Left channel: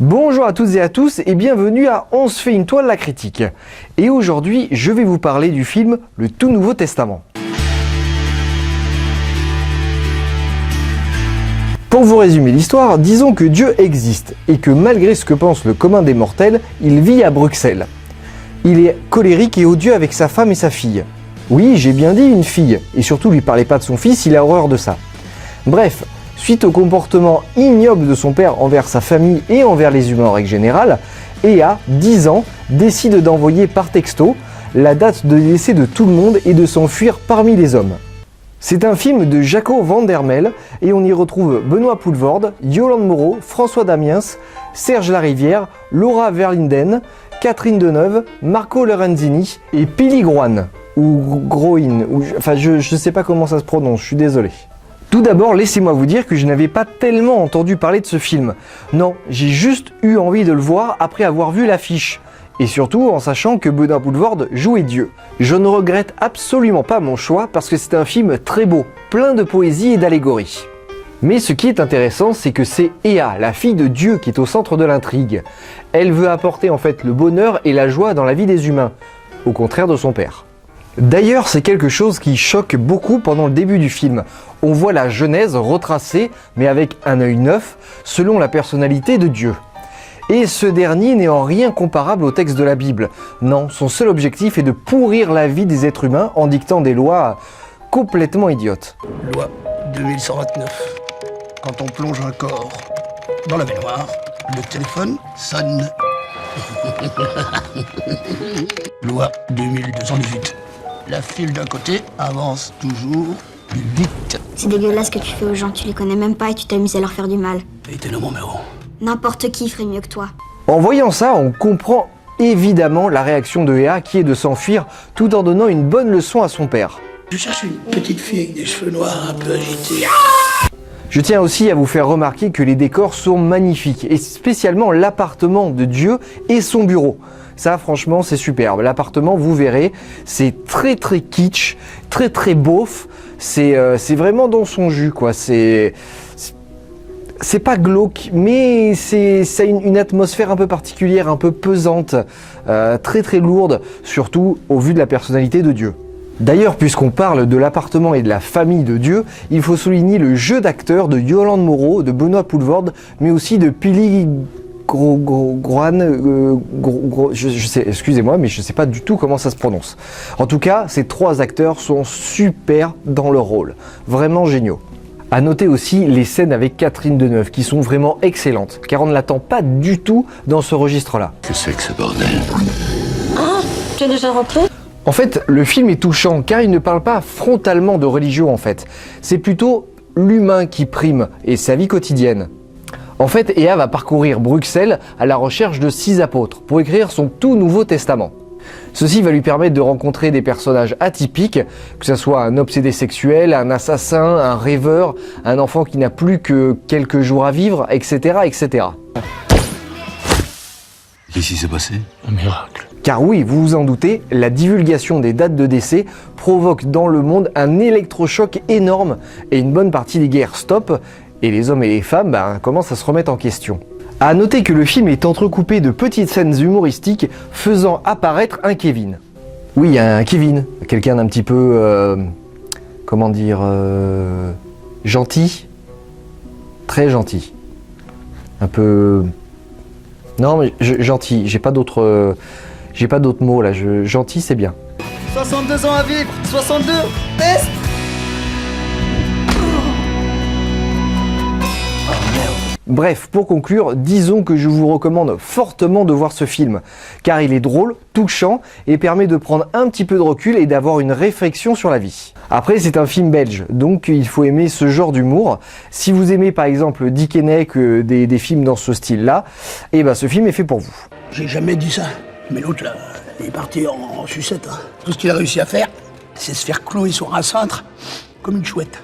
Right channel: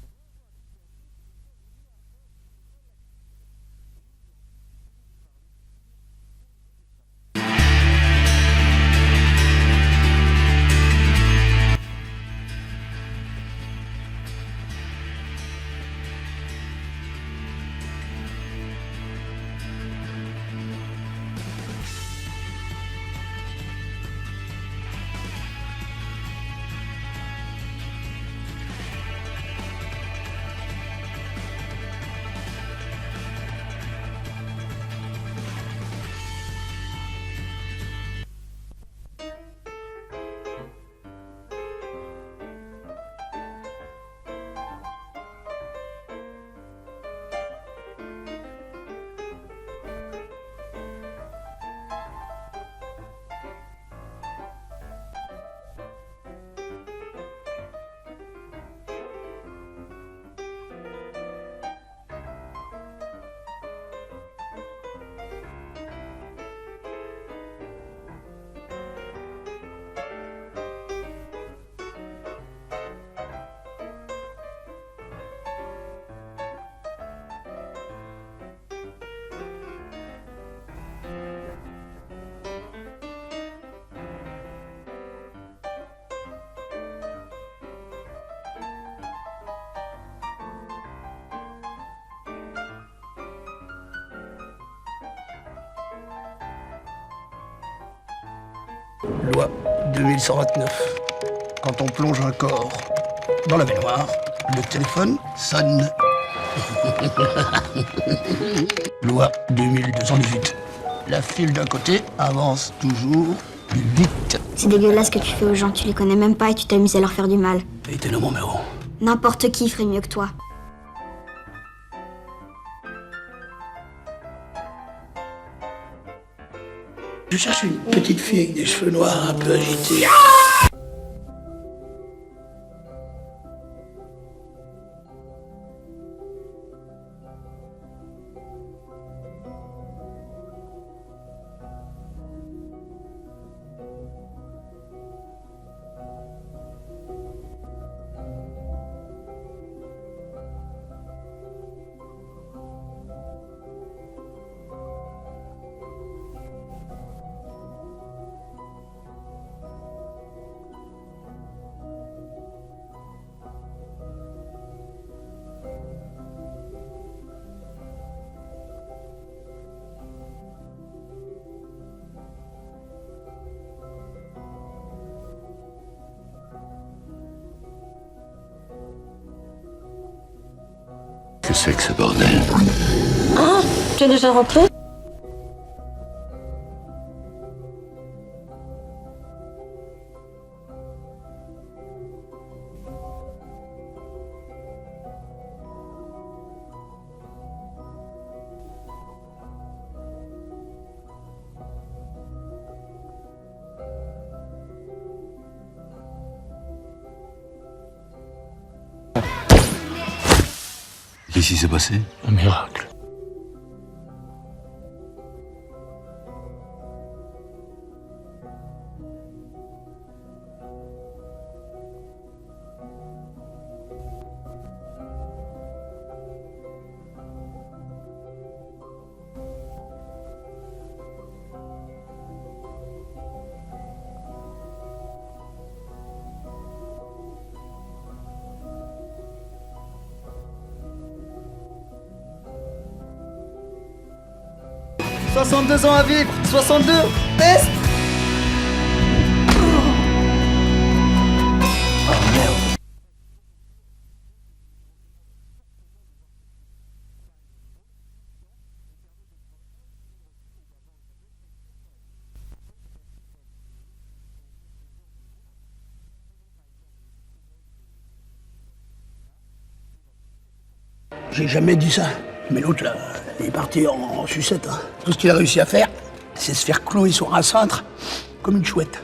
Bonjour à toutes et à tous et bienvenue à On se fait une toile la critique. Et aujourd'hui, je vais vous parler du film Le Tout Nouveau Testament. Pour vous résumer l'histoire, disons que Dieu existe et que malgré ce que pense le commun des mortels, il vit à Bruxelles. Il est colérique et odieux avec sa femme et sa fille. Oui, j'ai bien dit une fille, et surtout lui parlez pas de son fils, il a horreur de ça. Bref, suite au comportement ignoble de son père envers sa famille et envers les humains en règle générale, Ea, 10 ans, décide d'envoyer par texto la date de décès de tout le monde et de s'enfuir parmi les hommes. C'est un film de Jaco van der Mel et on y retrouve Benoît Poelvoorde, Yolande Moreau, François Damiens, Serge Larivière, Laura Verlinden, Catherine Deneuve, Marco Lorenzini et Pili Groin, ou Groin, je sais pas comment ça se prononce, je suis désolé. Tout d'abord, laissez-moi vous dire que je n'avais pas tellement entendu parler de ce film. Non, j'ai juste eu envie de le voir après avoir vu l'affiche. Et surtout en sachant que Benoît Poelvoorde jouait Dieu. Je ne regrette absolument pas mon choix parce que c'est un film très beau, plein de poésie et d'allégorie. Mais ce qui est intéressant, c'est que c'est Ea, la fille de Dieu, qui est au centre de l'intrigue. Elle veut apporter en fait le bonheur et la joie dans la vie des humains, au contraire de son père. D'ailleurs, c'est quelque chose qui choque beaucoup pendant le début du film. On voit la Genèse retracée, mais avec un œil neuf, selon la personnalité de Dieu. Et ce dernier n'est en rien comparable au texte de la Bible. Non, son seul objectif est de pourrir la vie des êtres humains en dictant des lois complètement idiotes. Loi 2129. Quand on plonge un corps dans la baignoire, le téléphone sonne. Loi 2218. La file d'un côté avance toujours plus vite. C'est dégueulasse ce que tu fais aux gens, tu les connais même pas et tu t'amuses à leur faire du mal. Et t'es mon numéro. N'importe qui ferait mieux que toi. En voyant ça, on comprend évidemment la réaction de Ea qui est de s'enfuir tout en donnant une bonne leçon à son père. Je cherche une petite fille avec des cheveux noirs un peu agités. Je tiens aussi à vous faire remarquer que les décors sont magnifiques, et spécialement l'appartement de Dieu et son bureau. Ça, franchement, c'est superbe. L'appartement, vous verrez, c'est très kitsch, très beauf. C'est vraiment dans son jus, quoi. C'est pas glauque, mais ça a une atmosphère un peu particulière, un peu pesante, très lourde, surtout au vu de la personnalité de Dieu. D'ailleurs, puisqu'on parle de l'appartement et de la famille de Dieu, il faut souligner le jeu d'acteur de Yolande Moreau, de Benoît Poelvoorde, mais aussi de Pili Groin, excusez-moi, mais je ne sais pas du tout comment ça se prononce. En tout cas, ces trois acteurs sont super dans leur rôle, vraiment géniaux. A noter aussi les scènes avec Catherine Deneuve qui sont vraiment excellentes, car on ne l'attend pas du tout dans ce registre-là. Que c'est que ce bordel? Ah, tu es déjà rentré? En fait, le film est touchant car il ne parle pas frontalement de religion en fait. C'est plutôt l'humain qui prime et sa vie quotidienne. En fait, Ea va parcourir Bruxelles à la recherche de 6 apôtres pour écrire son tout nouveau testament. Ceci va lui permettre de rencontrer des personnages atypiques, que ce soit un obsédé sexuel, un assassin, un rêveur, un enfant qui n'a plus que quelques jours à vivre, etc. etc. Qu'est-ce qui s'est passé? Un miracle. Car oui, vous vous en doutez, la divulgation des dates de décès provoque dans le monde un électrochoc énorme et une bonne partie des guerres stoppent et les hommes et les femmes commencent à se remettre en question. A noter que le film est entrecoupé de petites scènes humoristiques faisant apparaître un Kevin. Oui, un Kevin, quelqu'un d'un petit peu, gentil, très gentil, un peu, non mais gentil, j'ai pas d'autres mots là, gentil c'est bien. 62 ans à vivre, 62, peste. Bref, pour conclure, disons que je vous recommande fortement de voir ce film, car il est drôle, touchant et permet de prendre un petit peu de recul et d'avoir une réflexion sur la vie. Après, c'est un film belge, donc il faut aimer ce genre d'humour. Si vous aimez par exemple Dick Henneck, des films dans ce style-là, ce film est fait pour vous. J'ai jamais dit ça. Mais l'autre là, il est parti en sucette. Hein. Tout ce qu'il a réussi à faire, c'est se faire clouer sur un cintre comme une chouette.